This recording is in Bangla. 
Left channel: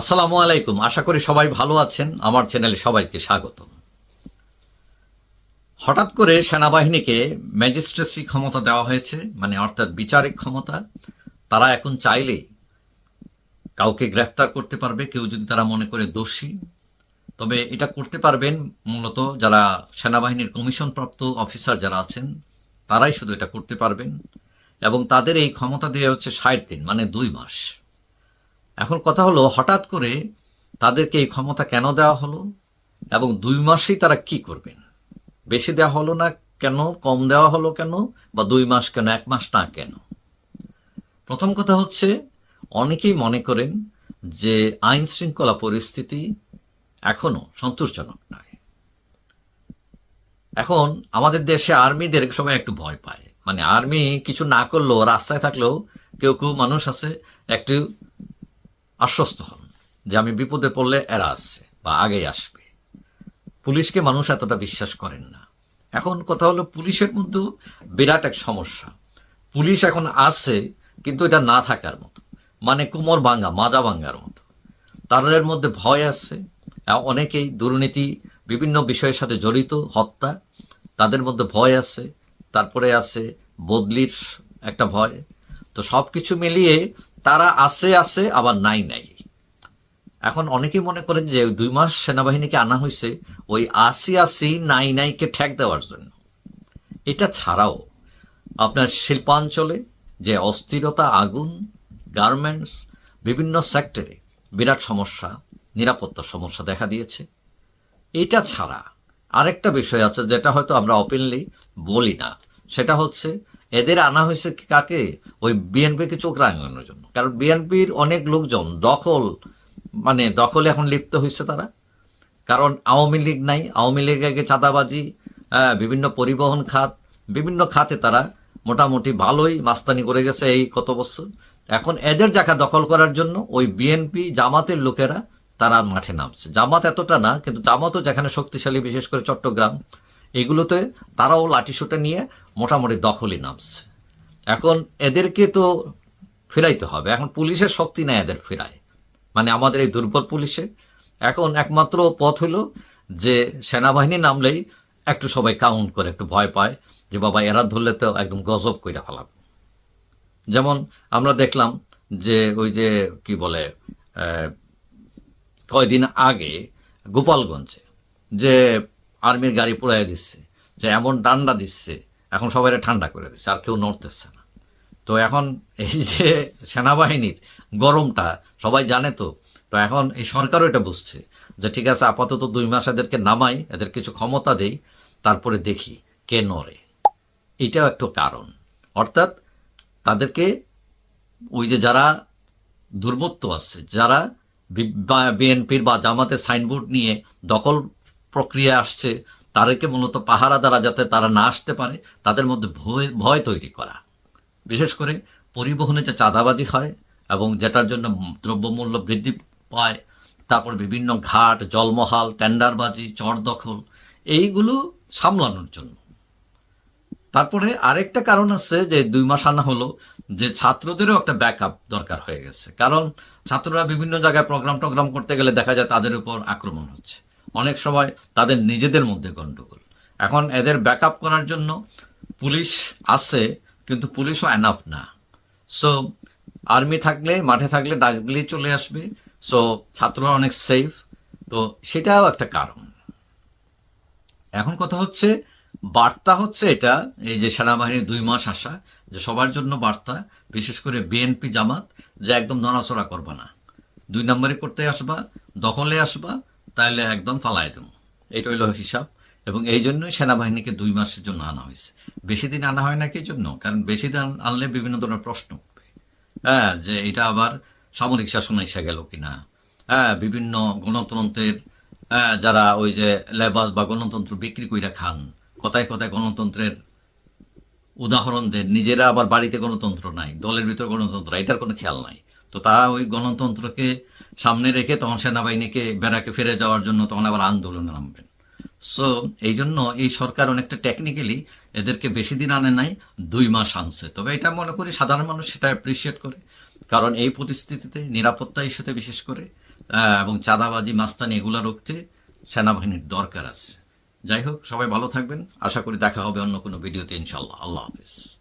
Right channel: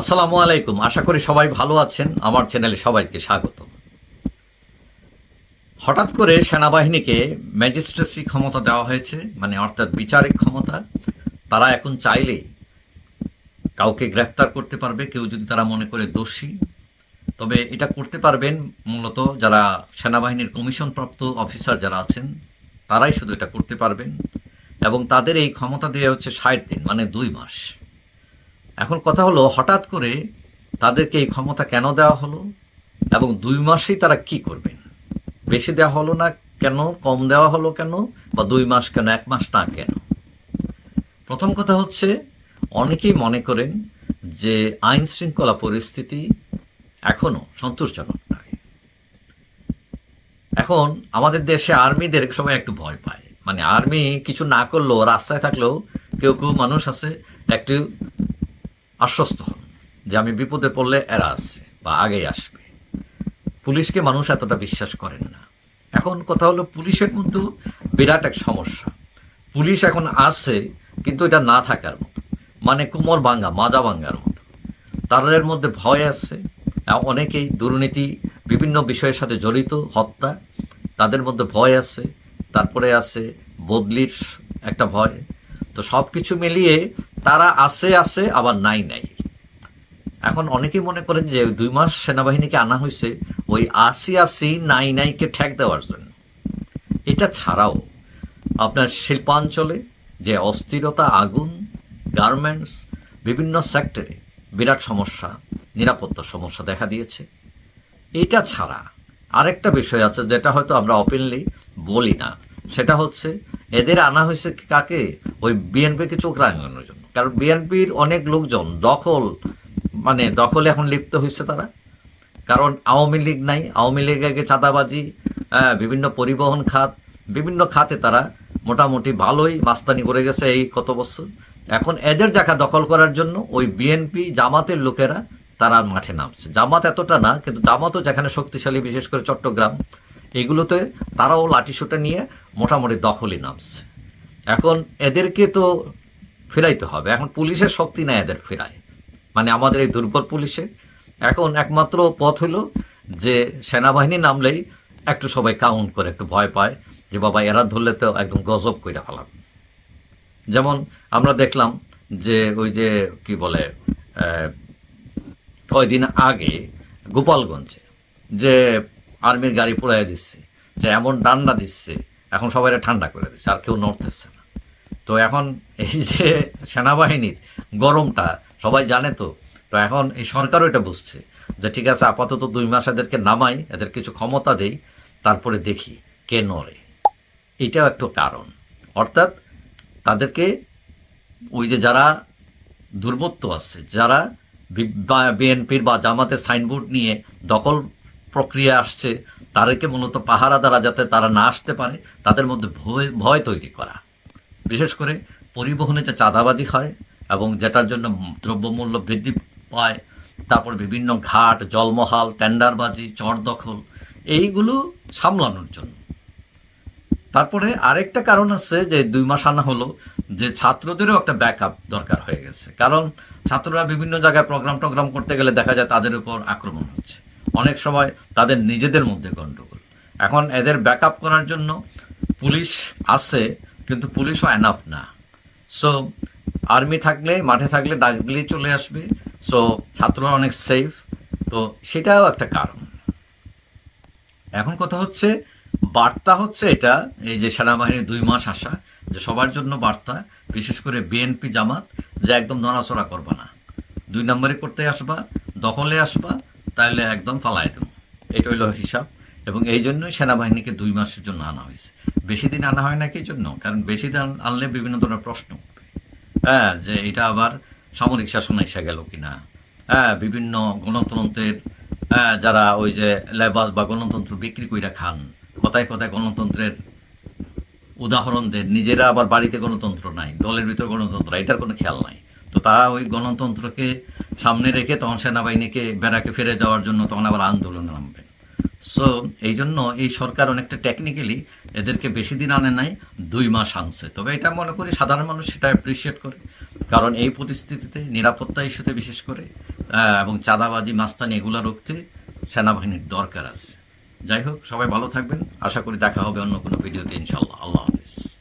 আসসালামু আলাইকুম। আশা করি সবাই ভালো আছেন। আমার চ্যানেলে সবাইকে স্বাগত। হঠাৎ করে সেনাবাহিনীকে ম্যাজিস্ট্রেসি ক্ষমতা দেওয়া হয়েছে মানে অর্থাৎ বিচারিক ক্ষমতা। তারা এখন চাইলে কাউকে গ্রেফতার করতে পারবে, কেউ যদি তারা মনে করে দোষী। তবে এটা করতে পারবেন মূলত যারা সেনাবাহিনীর কমিশনপ্রাপ্ত অফিসার যারা আছেন, তারাই শুধু এটা করতে পারবেন। এবং তাদের এই ক্ষমতা দেওয়া হচ্ছে ষাট দিন মানে দুই মাস। এখন কথা হলো, হঠাৎ করে তাদেরকে এই ক্ষমতা কেন দেওয়া হলো এবং দুই মাসেই তারা কি করবেন বেশি দেওয়া হলো না কেন? কম দেওয়া হলো কেন? বা দুই মাস কেন? এক মাস না কেন? প্রথম কথা হচ্ছে, অনেকেই মনে করেন যে আইন শৃঙ্খলা পরিস্থিতি এখনও সন্তোষজনক নয়। এখন আমাদের দেশে আর্মিদের সময় একটু ভয় পায়। মানে আর্মি কিছু না করলেও, রাস্তায় থাকলেও কেউ কেউ মানুষ আছে, একটু আশ্বস্ত হন যে আমি বিপদে পড়লে এরা আসছে বা আগেই আসবে। পুলিশকে মানুষ এতটা বিশ্বাস করেন না। এখন কথা হলো পুলিশের মধ্যেও বিরাট এক সমস্যা। পুলিশ এখন আছে, কিন্তু এটা না থাকার মতো। মানে কোমর ভাঙ্গা মাজা ভাঙ্গার মতো। তাদের মধ্যে ভয় আছে। অনেকেই দুর্নীতি, বিভিন্ন বিষয়ের সাথে জড়িত, হত্যা, তাদের মধ্যে ভয় আছে। তারপরে আছে বদলির একটা ভয়। তো সব কিছু মিলিয়ে তারা আছে আছে আবার নাই নাই। এখন অনেকেই মনে করেন যে দুই মাস সেনাবাহিনীকে আনা হয়েছে, ওই আশি আশি নাই, নাইকে ঠেক দেওয়ার জন্য। এটা ছাড়াও আপনার শিল্পাঞ্চলে যে অস্থিরতা, আগুন, গার্মেন্টস, বিভিন্ন সেক্টরে বিরাট সমস্যা, নিরাপত্তার সমস্যা দেখা দিয়েছে। এটা ছাড়া আরেকটা বিষয় আছে যেটা হয়তো আমরা ওপেনলি বলি না। সেটা হচ্ছে এদের আনা হয়েছে কাকে? ওই বিএনপিকে চোখ রাঙানোর জন্য। কারণ বিএনপির অনেক লোকজন দখল মানে দখলে এখন লিপ্ত হয়েছে তারা। কারণ আওয়ামী লীগ নাই আওয়ামী লীগ আগে চাঁদাবাজি হ্যাঁ, বিভিন্ন পরিবহন খাত বিভিন্ন খাতে তারা মোটামুটি ভালোই মাস্তানি করে গেছে এই কত বছর। এখন এদের জায়গা দখল করার জন্য ওই বিএনপি জামাতের লোকেরা তারা মাঠে নামছে। জামাত এতটা না কিন্তু জামাতও যেখানে শক্তিশালী বিশেষ করে চট্টগ্রাম এগুলোতে তারাও লাঠিসোটা নিয়ে মোটামুটি দখলে নামছে। এখন এদেরকে তো ফেরাইতে হবে। এখন পুলিশের শক্তি নেই এদের ফেরায়। মানে আমাদের এই দুর্বল পুলিশে। এখন একমাত্র পথ হলো যে সেনাবাহিনী নামলেই একটু সবাই কাউন্ট করে, একটু ভয় পায় যে বাবা, এরা ধরলে তো একদম গজব করে ফেলাবে। যেমন আমরা দেখলাম যে ওই যে কি বলে কয়দিন আগে গোপালগঞ্জে যে আর্মির গাড়ি পোড়াই দিচ্ছে, যে এমন ডান্ডা দিচ্ছে এখন সবাই ঠান্ডা করে দিচ্ছে আর কেউ নড়তেছে না। তো এখন এই যে সেনাবাহিনীর গরমটা, সবাই জানে তো তো এখন এই সরকারও এটা বুঝছে যে ঠিক আছে, আপাতত দুই মাস এদেরকে নামাই, এদের কিছু ক্ষমতা দেই, তারপরে দেখি কে নড়ে। এটাও একটা কারণ। অর্থাৎ তাদেরকে ওই যে যারা দুর্বৃত্ত আছে, যারা বিএনপির বা জামাতের সাইনবোর্ড নিয়ে দখল প্রক্রিয়া আসছে তাদেরকে মূলত পাহারা দ্বারা যাতে তারা না আসতে পারে, তাদের মধ্যে ভয় ভয় তৈরি করা। বিশেষ করে পরিবহনে যে চাঁদাবাজি হয় এবং যেটার জন্য দ্রব্যমূল্য বৃদ্ধি পায়, তারপর বিভিন্ন ঘাট, জলমহাল, টেন্ডারবাজি, চর দখল, এইগুলো সামলানোর জন্য। তারপরে আরেকটা কারণ আছে যে দুই মাস আনা হলো যে ছাত্রদেরও একটা ব্যাকআপ দরকার হয়ে গেছে। কারণ ছাত্ররা বিভিন্ন জায়গায় প্রোগ্রাম টোগ্রাম করতে গেলে দেখা যায় তাদের উপর আক্রমণ হচ্ছে। অনেক সময় তাদের নিজেদের মধ্যে গণ্ডগোল এখন এদের ব্যাকআপ করার জন্য পুলিশ আছে, কিন্তু পুলিশও এনাফ না। সো আর্মি থাকলে, মাঠে থাকলে ডাকলেই চলে আসবে। সো ছাত্ররা অনেক সেফ তো সেটাও একটা কারণ। এখন কথা হচ্ছে, বার্তা হচ্ছে এটা, এই যে সেনাবাহিনীর দুই মাস আসা যে সবার জন্য বার্তা, বিশেষ করে বিএনপি জামাত, যে একদম নড়াচড়া করবা না। দুই নম্বরে করতে আসবা, দখলে আসবা তাহলে একদম ফালাই দেবো। এটা হইল হিসাব। এবং এই জন্যই সেনাবাহিনীকে দুই মাসের জন্য আনা হয়েছে। বেশি দিন আনা হয় না কি জন্য? কারণ বেশি দিন আনলে বিভিন্ন ধরনের প্রশ্ন। হ্যাঁ যে এটা আবার সামরিক শাসন এসে গেল কিনা? হ্যাঁ বিভিন্ন গণতন্ত্রের হ্যাঁ যারা ওই যে লেবাস বা গণতন্ত্র বিক্রি কইরা খান, কথায় কথায় গণতন্ত্রের উদাহরণ দেন, নিজেরা আবার বাড়িতে গণতন্ত্র নাই, দলের ভিতরে গণতন্ত্র, এটার কোনো খেয়াল নাই। তো তারা ওই গণতন্ত্রকে সামনে রেখে তখন সেনাবাহিনীকে বেড়াকে ফিরে যাওয়ার জন্য তখন আবার আন্দোলনে নামবেন সো এই জন্য এই সরকার অনেকটা টেকনিক্যালি এদেরকে বেশি দিন আনে নাই, দুই মাস আনছে। তবে এটা মনে করি সাধারণ মানুষ সেটা অ্যাপ্রিসিয়েট করে। কারণ এই পরিস্থিতিতে নিরাপত্তা ইস্যুতে বিশেষ করে এবং চাঁদাবাজি, মাস্তানি এগুলো রুখতে সেনাবাহিনীর দরকার আছে। যাই হোক, সবাই ভালো থাকবেন। আশা করি দেখা হবে অন্য কোনো ভিডিওতে ইনশাল্লাহ আল্লাহ হাফিজ।